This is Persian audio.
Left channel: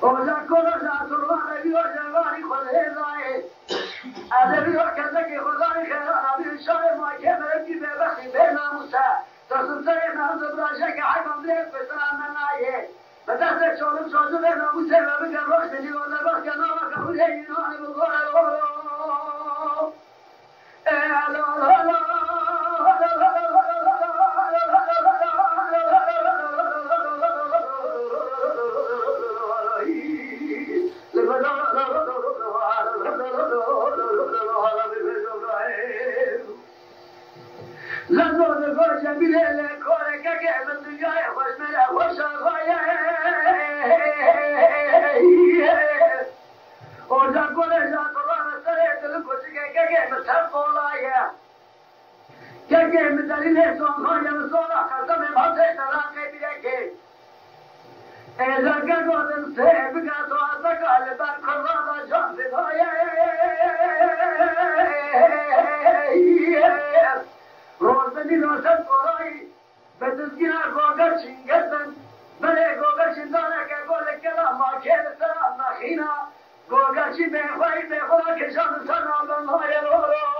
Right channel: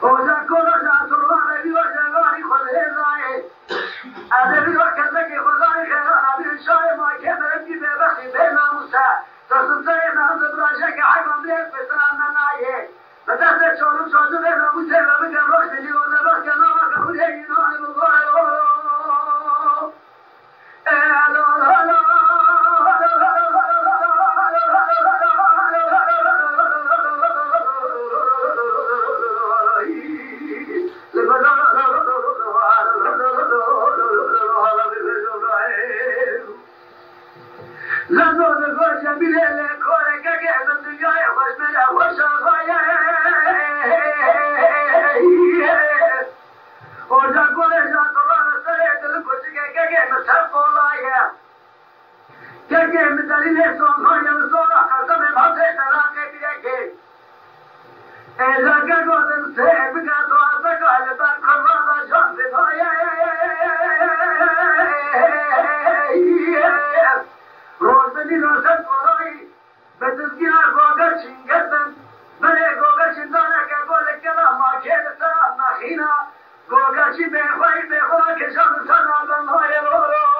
O da kola da durma بله بسان نایه بدست چون سازو به ناموس و بگم وقت دیوانه وقت نام قبول اینان بگوه لذات گوش بیله لکوره که گردن دنیای خوش میره خوش آقایه اوجا گوله جان قرآن سره دل کشی که گرم سر قولایه که گرم دلیل سون خواهیم سولا قسم بحثه تلاقه بیره که ایزا که گودن سه بگه تو ازکای بر قرآن جان بگایه روزنی روشن قرایی به تزگینا گوگر چینگردن بله گوگر چندانه که گوله کلا ماکیل سرام نخینا گوگر چی بخواهی بخواه کشان سرام های رو